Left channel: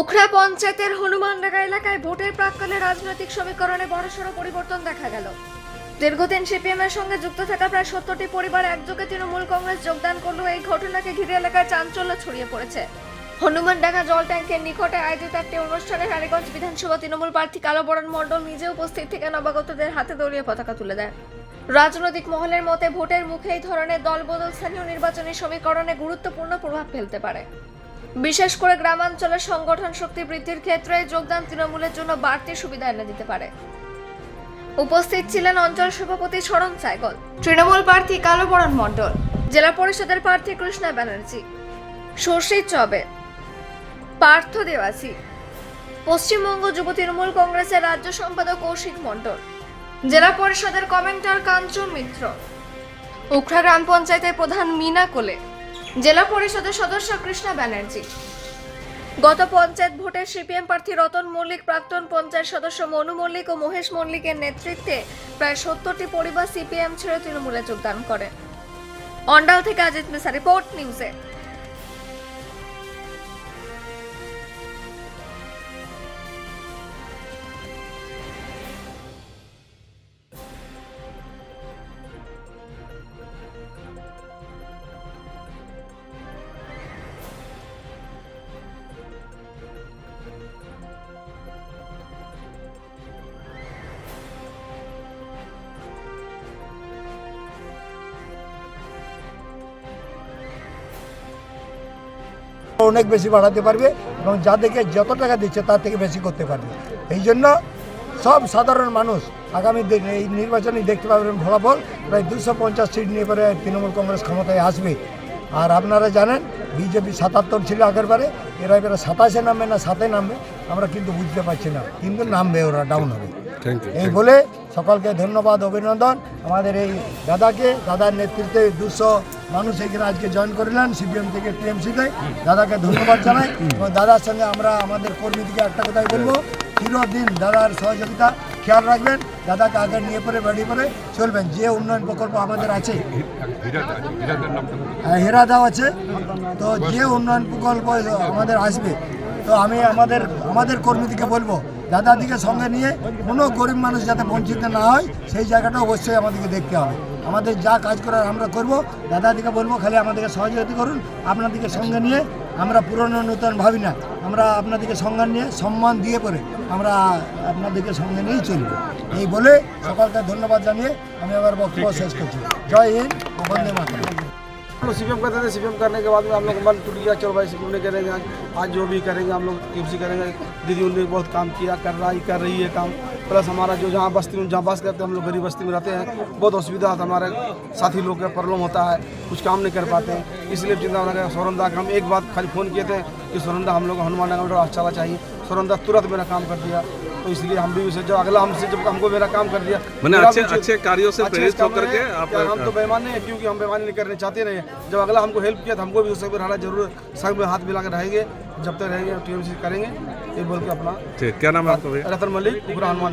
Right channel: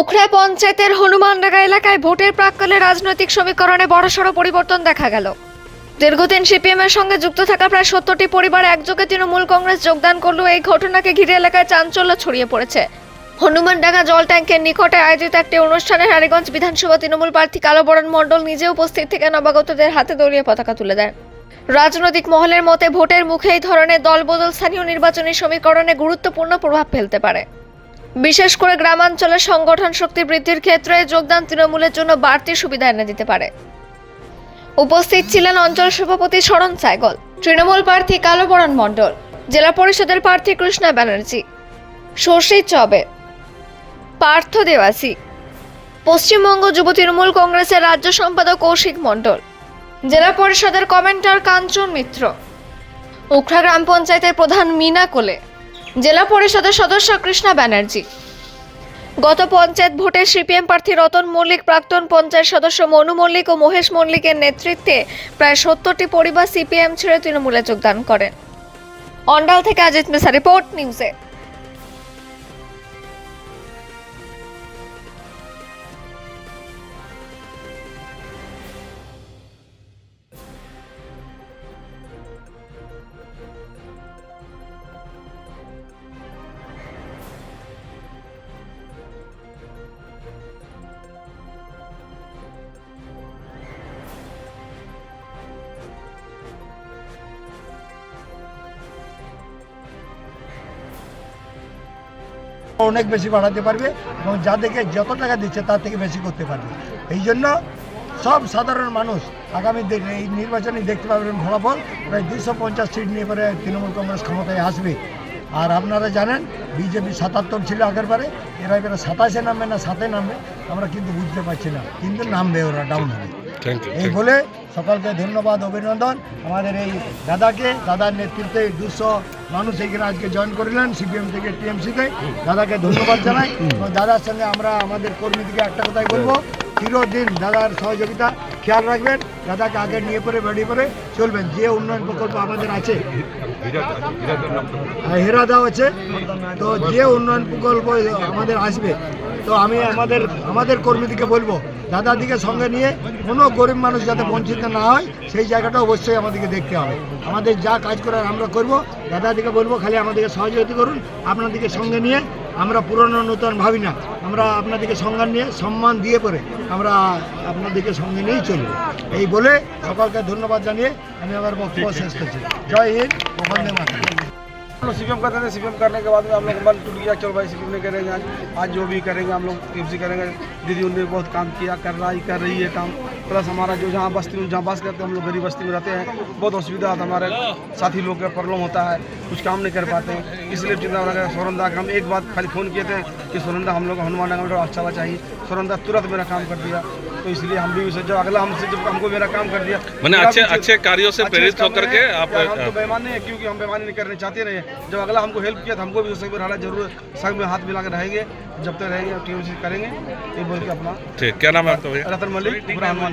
উখড়া পঞ্চায়েতের হনুমানডাঙ্গা এলাকায় ভোটের প্রাক্কালে রাজনৈতিক সমীকরণে বড়সড় পরিবর্তন দেখা গেল। দীর্ঘদিন সিপিএম এর সঙ্গে যুক্ত থাকা প্রায় 70টি পরিবার একযোগে তৃণমূল কংগ্রেস যোগদান করলেও এই ঘটনাকে ঘিরে এলাকায় চাঞ্চল্য ছড়িয়ে পড়েছে। হনুমানডাঙ্গা জল ট্যাঙ্কের নিকটে আয়োজিত একটি অনুষ্ঠানে রানীগঞ্জ বিধানসভা তৃণমূল প্রার্থী কালোবরণ মণ্ডল নিজে উপস্থিত থেকে নবাগতদের হাতে দলীয় পতাকা তুলে দেন। রাজনৈতিক মহলের মতে ভোটের মুখে এই ধরনের দলবদল স্থানীয় নির্বাচনী সমীকরণে গুরুত্বপূর্ণ প্রভাব ফেলতে পারে। বিশেষ করে গ্রামাঞ্চলের সংগঠন শক্তি বৃদ্ধির ক্ষেত্রে যোগদান তৃণমূলের জন্য বাড়তি সুবিধা এনে দিতে পারে। উপস্থিত ছিলেন অঞ্চল সভাপতি শরণ সাইগল, তৃণমূল প্রার্থী কালোবরণ মণ্ডল, জেলা পরিষদের প্রার্থী কৃষ্ণা ব্যানার্জি, শশী চবে, পার্থ দেওয়াসী, পশ্চিমবঙ্গ যুব তৃণমূল কংগ্রেসের রাজ্য সম্পাদক কৌশিক মণ্ডল, জেলা পরিষদের কমেন্টার কাঞ্চন মিত্র, উখড়া গ্রাম পঞ্চায়েতের প্রধান মিনা কোলে, জেলা পরিষদের সদস্য কৃষ্ণা ব্যানার্জি। গত পঞ্চায়েত ভোটে সিপিএম প্রার্থী রতন মল্লিক, প্রাক্তন পঞ্চায়েত সদস্য মনু মল্লিক ও মহেশ মল্লিকের নেতৃত্বে প্রায় 70টি পরিবার সিপিএম ছেড়ে তৃণমূলে যোগদান করেন। অন্ডাল থেকে অজিত মিশ্রা, রিপোর্ট নিউজে। অনেক বেশি বাড়াতে পারবে এবং যাদেরকে যত টাকা দিচ্ছে তার থেকে বেশি করতে পারবে। এই জন্য সব সাধারণ মানুষ আগামী এই নির্বাচনে দেখতে পাবেন ফলাফল প্রায় 250 সিট নিয়ে করে তৃণমূল কংগ্রেস ক্ষমতায় আসবে। আর আপনারা জানেন বিজেপি 77 ছিল আগের বারে, এরা এবারে 27-এ নামবে না 7-এ নামবে আমরা কিন্তু বুঝতে পারছি না, কিন্তু নামবে, ওরা ডাউন হবে। এই বলে সকলকে ধন্যবাদ, অভিনন্দন। আমাদের এই দাদার নেতৃত্বে 200 মানুষ এখানে আজকে জয়েন করলেন সিপিএম থেকে টিএমসিতে। দাদাকে ধন্যবাদ জানাই এবং দাদার সঙ্গে আমরা আমাদের কর্মীদেরকে একটা কথাই বলবো, চিরদিন দাদার সহযোগিতা খেয়াল রাখবেন, দাদাকে আগে নিয়ে পরে বেরিয়ে পরে চলবেন। যে উন্নয়ন প্রকল্প আমাদের আছে, হেরাদাও আছে, তো যে উন্নয়ন প্রকল্প আমাদের আসবে, তো আমি আমাদের কর্মীদেরকে বলবো দাদাদিকে সঙ্গে নিয়ে কোনো গরিব মানুষ যাতে বঞ্চিত না হয় সেই জায়গাটা অবশ্যই আমাদেরকে দেখতে হবে। আমাদের যা কাজ করার আমরা করব, দাদাদিকে বলবো খালি আমাদেরকে সহযোগিতা করুন। আপনাদেরকে সঙ্গে নিয়ে আমরা পুরনো নতুন ভাবি না, আমরা আপনাদেরকে সঙ্গে নিয়ে সম্মান দিয়ে পরে আমরা আপনাদেরকে সঙ্গে নিয়েই চলব। এই বলে সকলকে ধন্যবাদ জানিয়ে আমি আমার বক্তব্য শেষ করছি। জয় হিন্দ, বন্দে মাতরম। हम लोग सीपीएम करते थे, सीपीएम करने के बाद में हम लोग मन टूट गया, चलो भाई सीपीएम नहीं करेंगे, आज जो भी करेंगे हम लोग टीएमसी करेंगे। दीदी उन्होंने बहुत काम किया, कर रही है काम। प्लस हमारा जो जहाँ बस्ती में जहाँ बस करते हैं, हम लोग गरीब बस्ती में रहते हैं, बहुत असुविधा आता है, हमारे साथी लोग का प्रॉब्लम होता है, कुछ काम नहीं कर पाते हैं। इसलिए चिंता लगा सोरंदा का हम एक बात खाली फ़ोन किए थे कि सोरंदा हम लोग हनुमानडंगा में अच्छा चाहिए। सोरंदा तुरंत मेरा काम कर दिया, तो इसलिए हम भी उसे जब अगला हमसे जब हमको मेरा काम कर दिया, मैंने अच्छे कार्यों से प्रेरित होकर के आप हम तो बेईमान नहीं है, क्योंकि हम बेईमानी नहीं करने चाहते नहीं। जब अगला हमको हेल्प किया तो हमको भी उससे रहना जरूर, सब में हाथ मिला कर रहेंगे, जब तक रहेंगे टीएमसी करेंगे। ये बोल के अपना ठीक, क्या नाम है आपका भैया? रतन मल्लिक, पूरा हनुमान।